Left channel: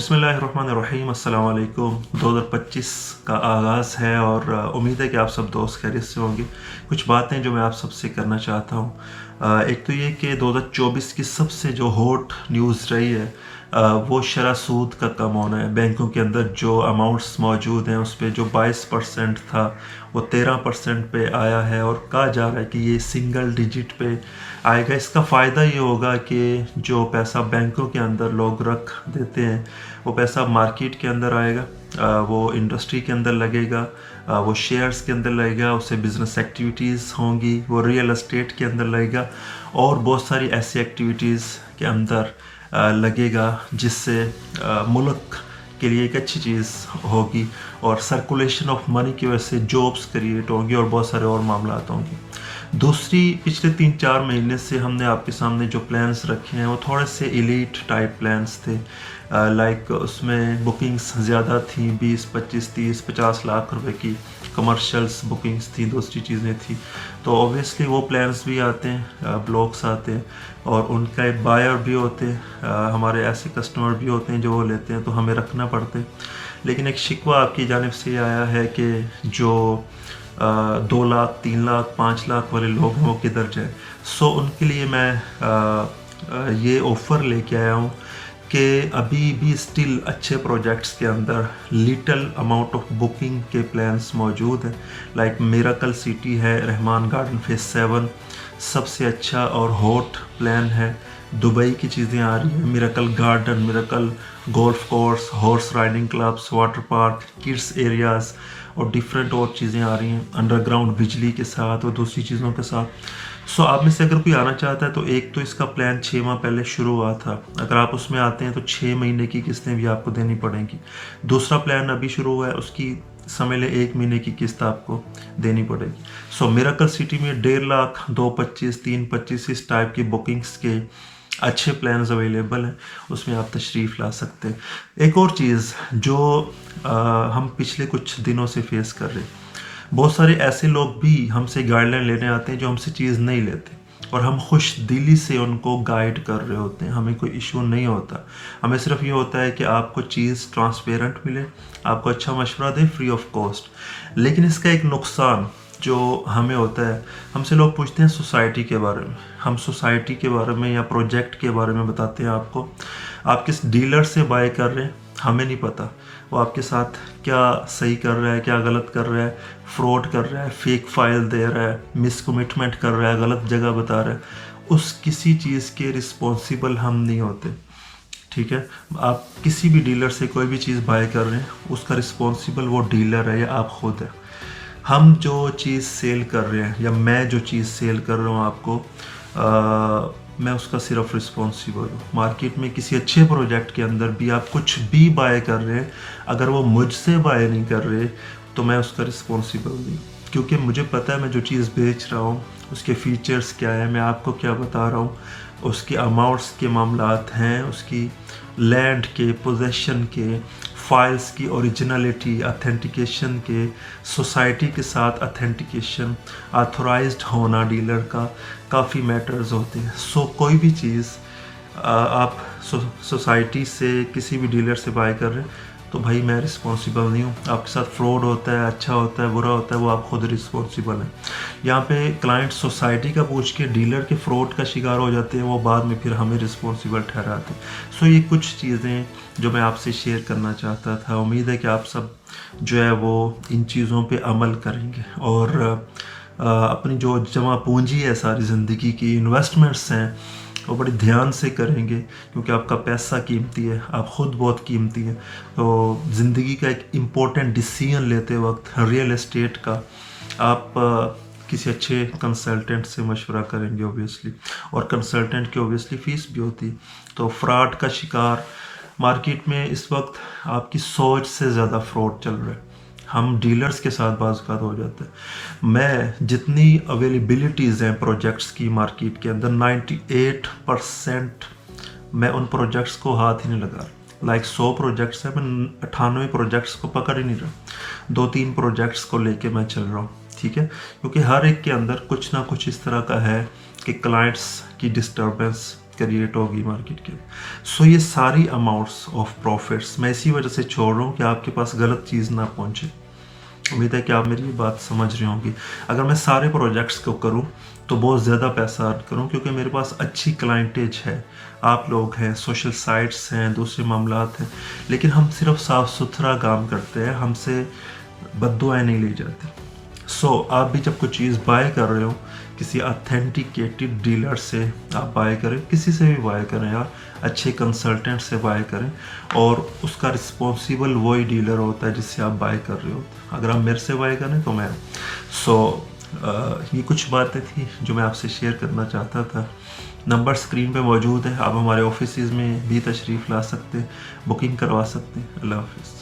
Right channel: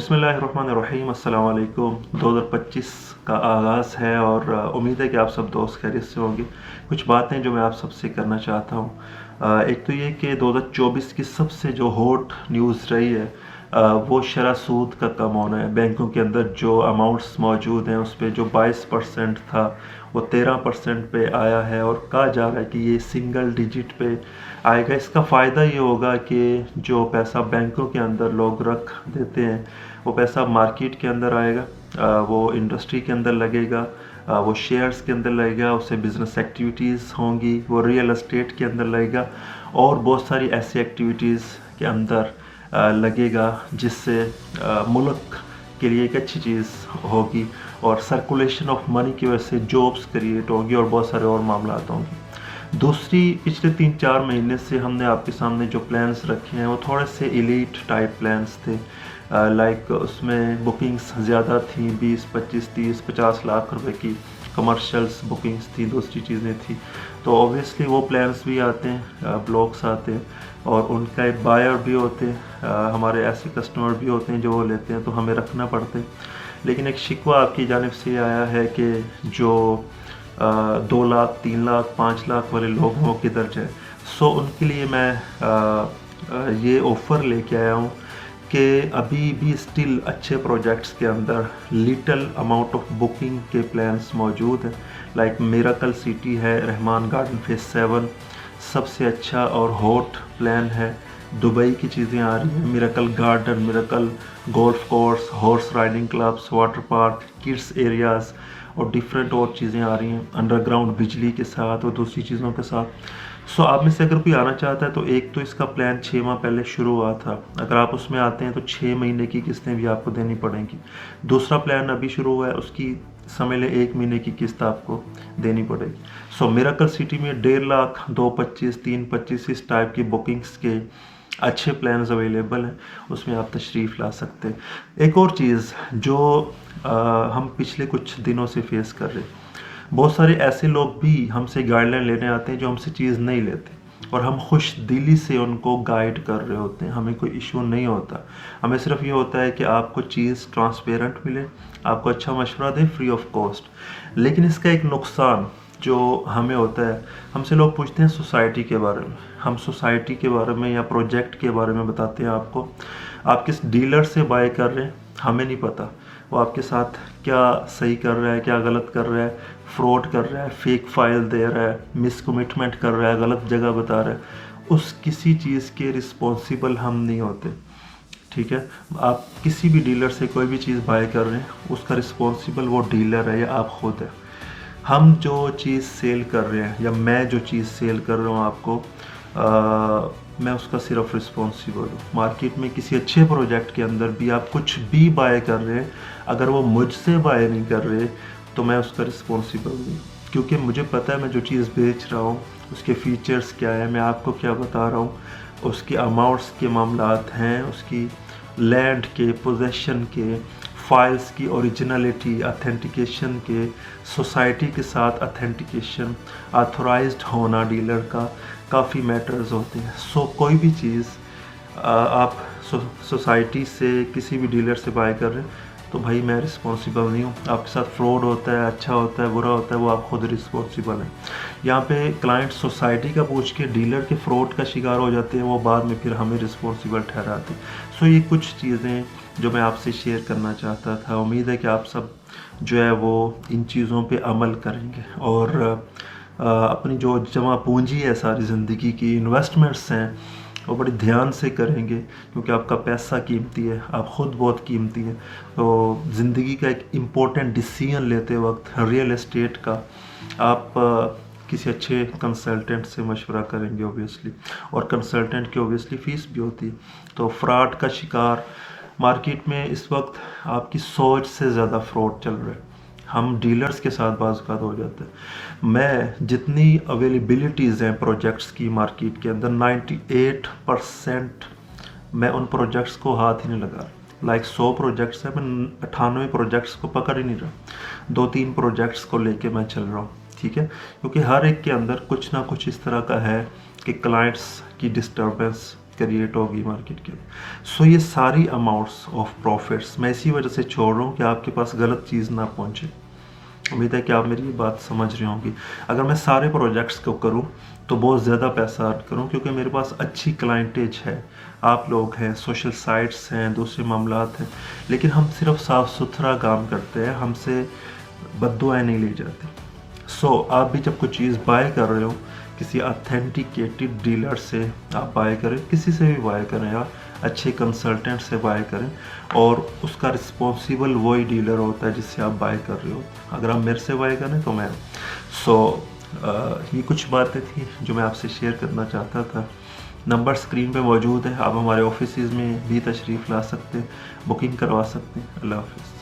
बिस्मिल्लाहिर्रहमानिर्रहीम अस्सलाम वालेकुम। 2025 का आगाज़ है और उम्मीद है कि आप सब दोस्त खैरियत से होंगे। कुछ बातें जो मैं आप सबसे करना चाहता हूँ, एक तो ये कि 2024 की सबसे जो हॉट न्यूज़ रही है वो शरह सूद का कम होना है। बैंकों के अंदर जो अमाउंट्स मौजूद हैं उस पे जो 22% था वो 13% पे आया है और कहा जा रहा है कि ये सिंगल डिजिट पे आएगा। इसका फ़ायदा ये होगा कि जो पैसा बैंकों के अंदर लोग रख देते हैं वो पैसा मार्केट के अंदर आएगा, वो इंडस्ट्री के अंदर लगेगा, वो शेयर्स के अंदर लगेगा, उससे बिज़नेस एक्टिविटीज़ होंगी, वो रियल एस्टेट के अंदर लगेगा और बहुत सारी ऐसी एक्टिविटीज़ के अंदर लगेगा जिससे मुल्क के लिए एक अच्छी चीज़ होगी और सर्कुलेशन ऑफ मनी की वजह से जॉब्स क्रिएट होंगी और बहुत सारे और मामला होंगे। दूसरी, पिछले 3-4 महीने से हमने आपके सामने जो प्लान्स रखे हैं वो थोड़े से एलीट टाइप प्लान्स थे। लाइक उसमें बुकिंग्स ज़्यादा थी, 20, 25, 30, 50 लाख रुपए की कमर्शियल्स बुकिंग्स थी, दूसरी चीज़ें थी। तो ऑब्वियसली वो प्लान्स भी आते हैं, ब्लॉग्स आते हैं और उनका एक बायर भी होते हैं, हमारे ऐसे कस्टमर भी होते हैं जो वो लेते हैं, तो हमें रखना पड़ते हैं। लेकिन एक शिकवा आपकी जानिब से आया है कि जो 2 लाख, 3 लाख, 5 लाख वाले लोग हैं वो किधर जाए। सो उनके लिए मैं ये ऑफ़र लेके आया हूँ कि अभी भी स्टिल अच्छे प्रोजेक्ट्स के अंदर लिटिल अमाउंट ऑफ बुकिंग के प्लान्स मौजूद हैं। लाइक मिरेकल सिटी है, रहमान गार्डन फेज़ 7 सबसे अच्छा और हॉट प्लान है। दुबई की चीज़ें आ रही हैं, miracle garden, miracle golf course, horse riding clubs, water park, kids areas और डिफरेंट और चीज़ें आ रही हैं अंडरग्राउंड बिजली के साथ और दूसरी चीज़ों के साथ। सो आप में से अगर कोई आना चाहता है तो एक तो इसका प्लान 6 माह पहले शुरू हुआ था, अगर आप उसमें आते हैं तो 6 महीने की किस्तें भी आपको देनी पड़ेंगी। दूसरा प्लान अभी शुरू हुआ है, उसकी समझ लें 1 महीने की किस्त आपको देनी पड़ेगी। सो मिरेकल सिटी में 1.5 लाख, 2.25, 3.25 इस टाइप की बुकिंग्स के अच्छे प्लान्स अवेलेबल हैं, उसमें आप तशरीफ़ ला सकते हैं। एक और चीज़ जो हम पिछले कुछ दिनों से फेस कर रहे हैं, बहुत सारे ऐसे लोग भी हमसे गाइडलाइन लेने आते हैं जो हमसे चीज़ नहीं लेते और हम खुश दिली से उनको गाइड कर रहे होते हैं, हमें कोई इशू नहीं होता। हमें सिर्फ ये होता है कि आपको चीज़ ट्रांसपेरेंट मिले, आपको अच्छा मशवरा दें फ्री ऑफ कॉस्ट। लेकिन इसका एक नुकसान जो हमें होता है, हमसे लोग पूछते हैं सोसाइटी के बारे में, हम सोसाइटी के बारे में या प्रोजेक्ट के बारे में बताते हैं आपको। आप किस डीलर से बाय कर रहे हैं हमें नहीं पता, वो आपके साथ क्या सही कर रहा है, क्या गलत कर रहा है, फ्रॉड कर रहा है, फेक फाइल दे रहा है, मिसकमिटमेंट कर रहा है, गलत जगह बता रहा है, उस किसी चीज़ के रिस्पॉन्सिबल हम नहीं होते। ठीक है, आप किसी भी डीलर से कोई भी चीज़ बाय कर रहे हैं उसका रिस्पॉन्सिबल वो डीलर है या आप खुद है। हम जो चीज़ सेल कर रहे हैं या मैं जो चीज़ सेल कर रहा हूँ आपको, मैं उसका सिर्फ रिस्पॉन्सिबल हूँ। मार्केट में किसी अच्छे प्रोजेक्ट के अंदर भी आप कुछ भी बाय कर रहे हैं, अगर वो मुझसे बाय नहीं कर रहे तो मैं उसका रिस्पॉन्सिबल नहीं, क्योंकि मुझे पता है मैं जो चीज़ बेच रहा हूँ उसके फीचर्स क्या है, मैं आपको क्या बता रहा हूँ, उसके अमाउंट्स के मामलात हैं, उसकी लैंड के, पोजेशन के, फाइल्स की ओरिजिनलिटी, अथेंटिकेशन के, सोसाइटी के साथ अथेंटिकेशन, ऑथराइज्ड होना डीलर का, काफ़ी मैटर्स होते हैं। सो कोई भी चीज़ आप सोसाइटी से किसी भी डीलर से बाय कर रहे हैं तो भाई मैं रिस्पॉन्सिबल नहीं हूँ। आपके साथ फ्रॉड होता है, अच्छा होता है, बुरा होता है, वो आप खुद रिस्पॉन्सिबल हैं। यहाँ पे क्लाइंट सोसाइटी का पूछ के डीलर के फ्रॉड का शिकार हो जाते हैं, वो बाद में फिर हमें रिस्पॉन्सिबल ठहराते हैं। सो ये कुछ चीज़ें जो मैं आपसे शेयर करना चाहता था। उम्मीद है कि आप सब जो है वो इन चीज़ों पे अमल करेंगे और अपनी जो जमा पूंजी है, सारी ज़िंदगी की इन्वेस्टमेंट्स हैं, वो बड़ी ध्यान से करेंगे, क्योंकि आपका पैसा कीमती है, आप ख़ुद बहुत कीमती हैं। तो ज़िंदगी का एक इम्पोर्टेंट डिसीजन लेते वक्त रियल एस्टेट का आप किसी अच्छे कंसल्टेंट से मशवरा करेंगे ऑब्वियसली, और कंसल्टेंट की ऑब्वियसली फ़ीस भी होती है। तो फ्रॉड का शिकार मार्केट में इस वक्त आपकी सोच से ज़्यादा फ्रॉड चल रहा है। हम डीलर्स के साथ बाज़ हो जाते हैं। मैं जितनी अवेलेबिलिटीज़ हैं प्रोजेक्ट्स की मार्केट के अंदर, 98% मैं उन प्रोजेक्ट्स को हाथ ही नहीं लगा रहा। लाइक 100 प्रोजेक्ट्स हैं, मैं 98 प्रोजेक्ट्स को पकड़ ही नहीं रहा। 2-3 प्रोजेक्ट्स को लेके मैं चल रहा हूँ, ठीक है, क्योंकि हर एक के अंदर कुछ ना कुछ इस तरह का है कि क्लाइंट्स की डिस्टर्बेंस, क्रिएट होगी मार्केट के। सो ये सारी अमाउंट्स ऑफ प्रॉफिट्स मैं इसी वजह से छोड़ रहा हूँ कि आपके पास गलत चीज़ ना पहुँचे। उम्मीद है कि आप मेरी ये बात समझ रही होंगी। अगर मैं सारे प्रोजेक्ट्स को करूं तो बहुत ज़्यादा पैसा अर्न करूं, क्योंकि मेरे पास अच्छी क्लाइंटेज है, आप लोग हैं, सोशल साइट्स हैं, दूसरे मामलात हैं, लेकिन हम सिर्फ साफ़ सुथरा काम करते हैं, हमसे बद्दुआएं नहीं ली जाती। सो आप भी जब कोई चीज़ बाय कर रहे हो किसी अथेंटिकेटेड डीलर से आप बाय करें, किसी से भी बाय करें यार, अच्छे कंसल्टेंट से बाय करें, और उसका रिस्पॉन्सिबल वही डीलर होता है जिससे आप बाय कर रहे हो। अगर आप मेरे से बाय करें तो मैं ये कुछ बातें थी जो मैं आपसे शेयर करना चाहता था। नंबर स्क्रीन पे मौजूद है, आप हमारे ऑफिस में भी तशरीफ़ ला सकते हैं, बुकिंग करवा सकते हैं। अल्लाह हाफ़िज़।